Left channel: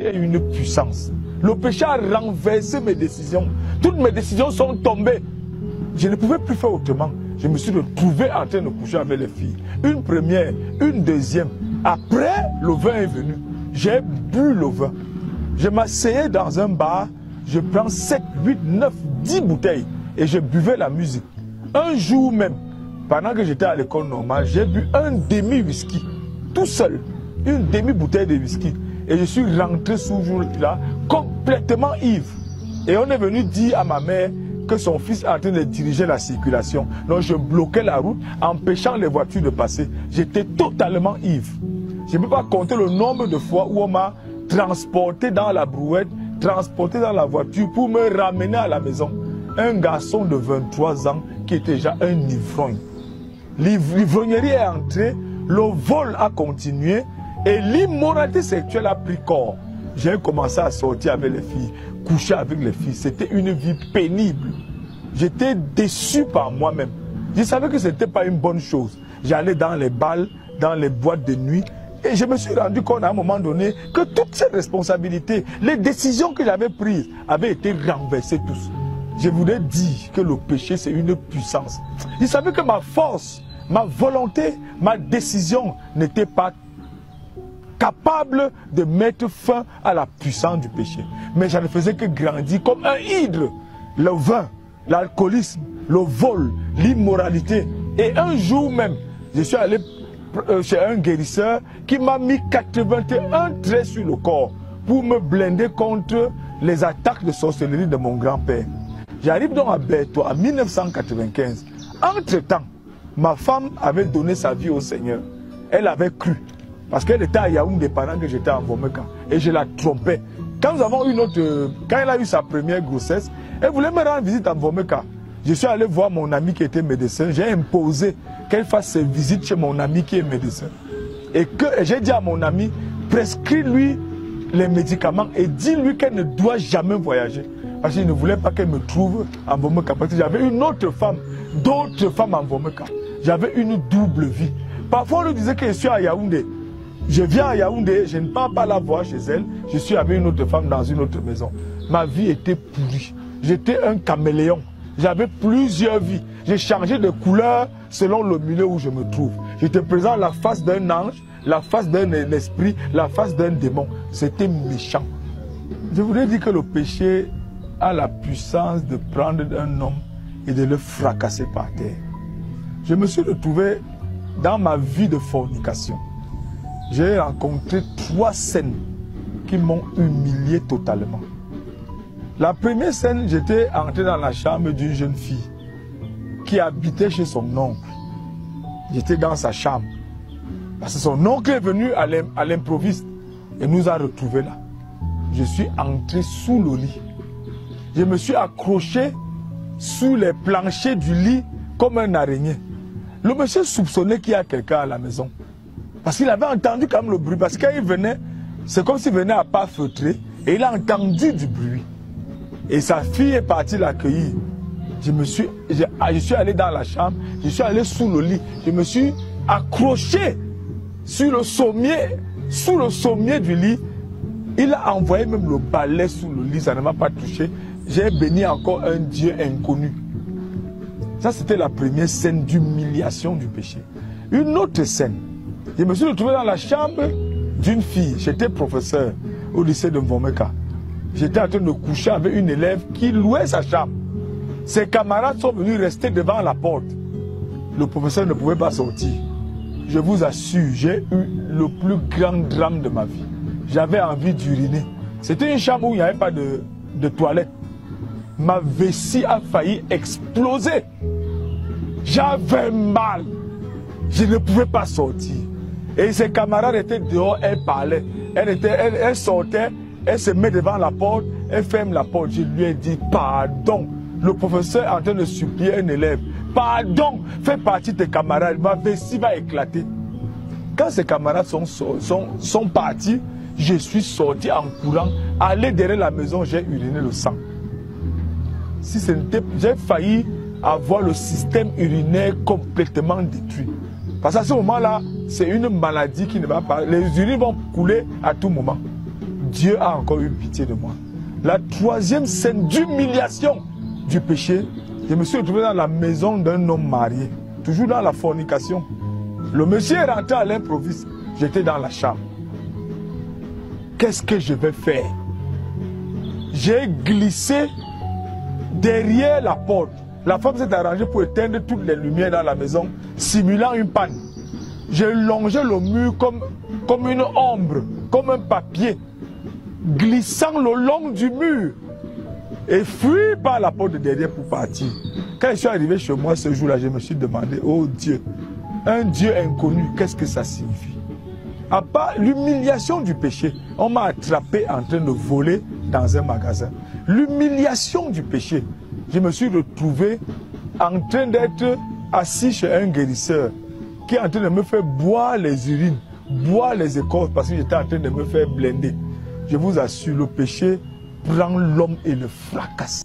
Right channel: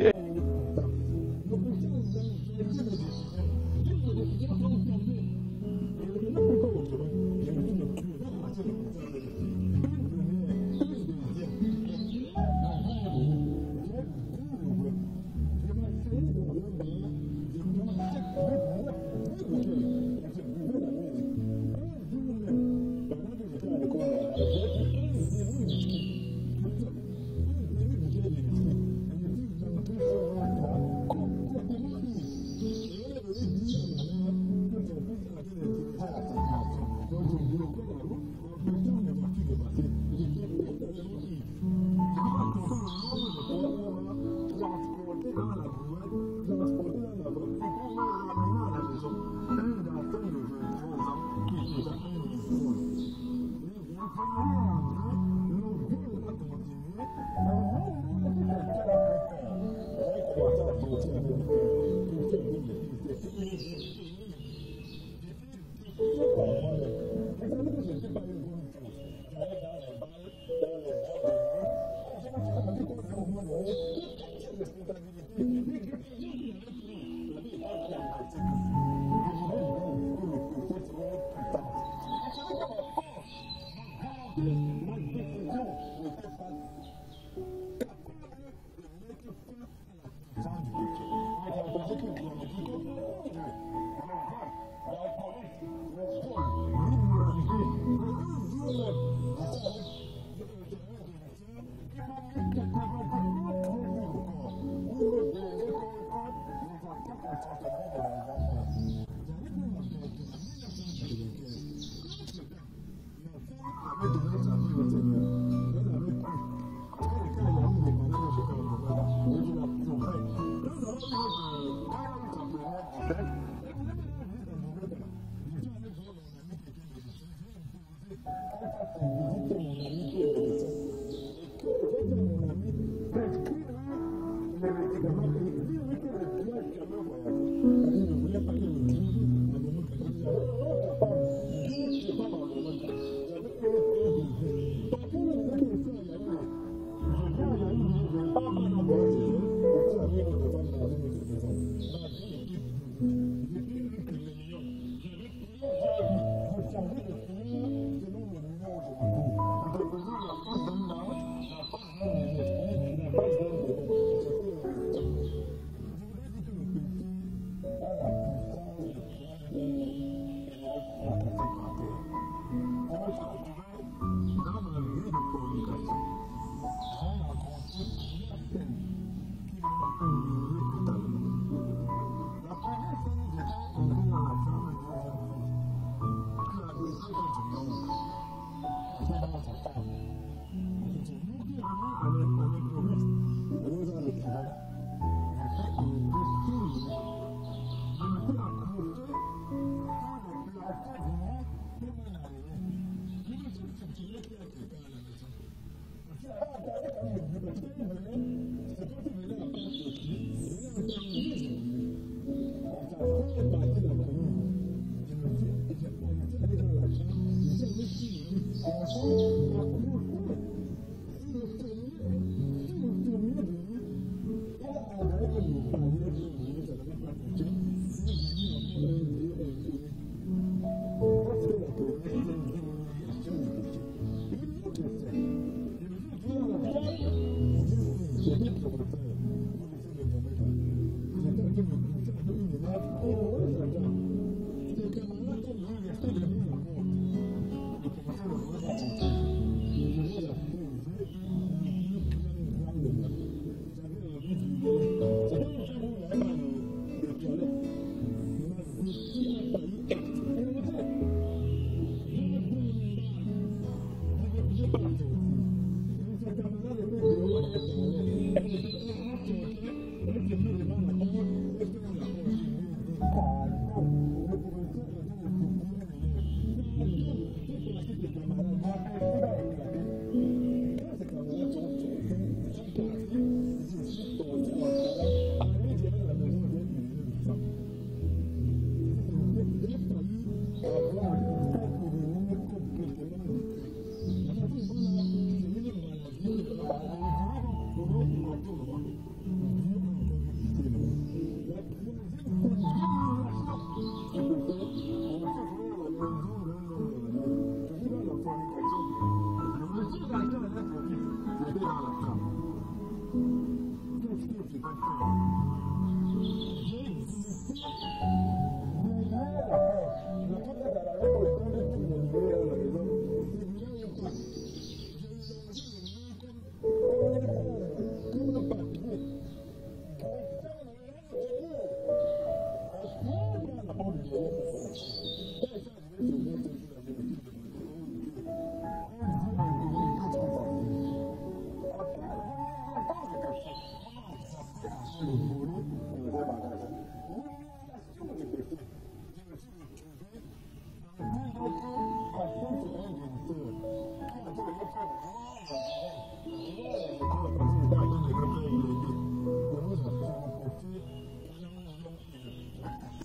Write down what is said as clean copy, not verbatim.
et une puissance. Le péché a renversé mes décisions. Toutes mes décisions sont tombées. Je ne pouvais plus faire autrement. Je me suis retrouvé en train de coucher avec les filles. Une première, une deuxième. Après, le vin est venu. J'ai bu le vin. Je m'asseyais dans un bar. Je prends 7, 8, 9, 10 bouteilles et je buvais la musique. Un jour même, pendant que j'étais à l'école normale, j'ai bu un demi-whisky, tout seul. Une demi-bouteille de whisky. Et je suis rentré ce jour-là complètement ivre. Et on est venu dire à ma mère que son fils est en train de diriger la circulation. Donc je bloquais la route, empêchant les voitures de passer. J'étais totalement ivre. Je ne peux pas compter le nombre de fois où on m'a transporté dans la brouette, transporté dans la voiture pour me ramener à la maison. Un garçon de 23 ans qui était déjà un ivrogne. L'ivrognerie est entrée, le vol a continué et l'immoralité sexuelle a pris corps. J'ai commencé à sortir avec les filles, coucher avec les filles. C'était une vie pénible. J'étais déçu par moi-même. Je savais que ce n'était pas une bonne chose. J'allais dans les balles, dans les boîtes de nuit. Et je me suis rendu compte à un moment donné que toutes ces responsabilités, les décisions que j'avais prises avaient été renversées tous. Je voulais dire que le péché, c'est une puissance. Je savais que ma force, ma volonté, ma décision n'était pas capable de mettre fin à la puissance du péché. Mais ça ne faisait que grandir comme un hydre. Le vin, l'alcoolisme, le vol, l'immoralité. Et un jour même, je suis allé chez un guérisseur qui m'a mis 81 traits sur le corps pour me blinder contre les attaques de sorcellerie de mon grand-père. J'arrive donc à Berthoud en 1995. Entre-temps, ma femme avait donné sa vie au Seigneur. Elle avait cru. Parce qu'elle était à Yaoundé pendant que j'étais en Vomeka. Et je la trompais. Quand elle a eu sa première grossesse, elle voulait me rendre visite en Vomeka. Je suis allé voir mon ami qui était médecin. J'ai imposé qu'elle fasse ses visites chez mon ami qui est médecin. Et j'ai dit à mon ami, prescris-lui les médicaments et dis-lui qu'elle ne doit jamais voyager. Parce qu'il ne voulait pas qu'elle me trouve en Vomeka. Parce que j'avais une autre femme, d'autres femmes en Vomeka. J'avais une double vie. Parfois, on lui disait que je suis à Yaoundé. Je viens à Yaoundé, je ne pars pas la voir chez elle. Je suis avec une autre femme dans une autre maison. Ma vie était pourrie. J'étais un caméléon. J'avais plusieurs vies. J'ai changé de couleur selon le milieu où je me trouve. J'étais présent la face d'un ange, la face d'un esprit, la face d'un démon. C'était méchant. Je voudrais dire que le péché a la puissance de prendre un homme et de le fracasser par terre. Je me suis retrouvé dans ma vie de fornication. J'ai rencontré 3 scènes qui m'ont humilié totalement. La première scène, j'étais entré dans la chambre d'une jeune fille qui habitait chez son oncle. J'étais dans sa chambre. Parce que son oncle est venu à l'improviste et nous a retrouvés là. Je suis entré sous le lit. Je me suis accroché sous les planchers du lit comme un araignée. Le monsieur soupçonnait qu'il y a quelqu'un à la maison. Parce qu'il avait entendu quand même le bruit. Parce qu'il venait, c'est comme s'il venait à pas feutrer. Et il a entendu du bruit. Et sa fille est partie l'accueillir. Je suis allé dans la chambre, je suis allé sous le lit. Je me suis accroché sous le sommier du lit. Il a envoyé même le balai sous le lit, ça ne m'a pas touché. J'ai béni encore un Dieu inconnu. Ça, c'était la première scène d'humiliation du péché. Une autre scène, je me suis retrouvé dans la chambre d'une fille. J'étais professeur au lycée de Vomeka. J'étais en train de coucher avec une élève qui louait sa chambre. Ses camarades sont venus rester devant la porte. Le professeur ne pouvait pas sortir. Je vous assure, j'ai eu le plus grand drame de ma vie. J'avais envie d'uriner. C'était une chambre où il n'y avait pas de toilette. Ma vessie a failli exploser. J'avais mal. Je ne pouvais pas sortir. Et ses camarades étaient dehors, elles parlaient. Elle sortait, elle se met devant la porte, elle ferme la porte. Je lui ai dit pardon. Le professeur est en train de supplier un élève. Pardon, fais partie de tes camarades, ma vessie va éclater. Quand ses camarades sont partis, je suis sorti en courant, allé derrière la maison, j'ai uriné le sang. Si ce n'était, j'ai failli avoir le système urinaire complètement détruit. Parce qu'à ce moment-là, c'est une maladie qui ne va pas. Les urines vont couler à tout moment. Dieu a encore eu pitié de moi. La troisième scène d'humiliation du péché, je me suis retrouvé dans la maison d'un homme marié, toujours dans la fornication. Le monsieur est rentré à l'improviste, j'étais dans la chambre. Qu'est-ce que je vais faire? J'ai glissé derrière la porte. La femme s'est arrangée pour éteindre toutes les lumières dans la maison, simulant une panne. J'ai longé le mur comme une ombre, comme un papier, glissant le long du mur et fui par la porte de derrière pour partir. Quand je suis arrivé chez moi ce jour-là, je me suis demandé, oh Dieu, un Dieu inconnu, qu'est-ce que ça signifie? À part l'humiliation du péché, on m'a attrapé en train de voler dans un magasin. L'humiliation du péché, je me suis retrouvé en train d'être assis chez un guérisseur qui est en train de me faire boire les urines, boire les écorces parce que j'étais en train de me faire blinder. Je vous assure, le péché prend l'homme et le fracasse.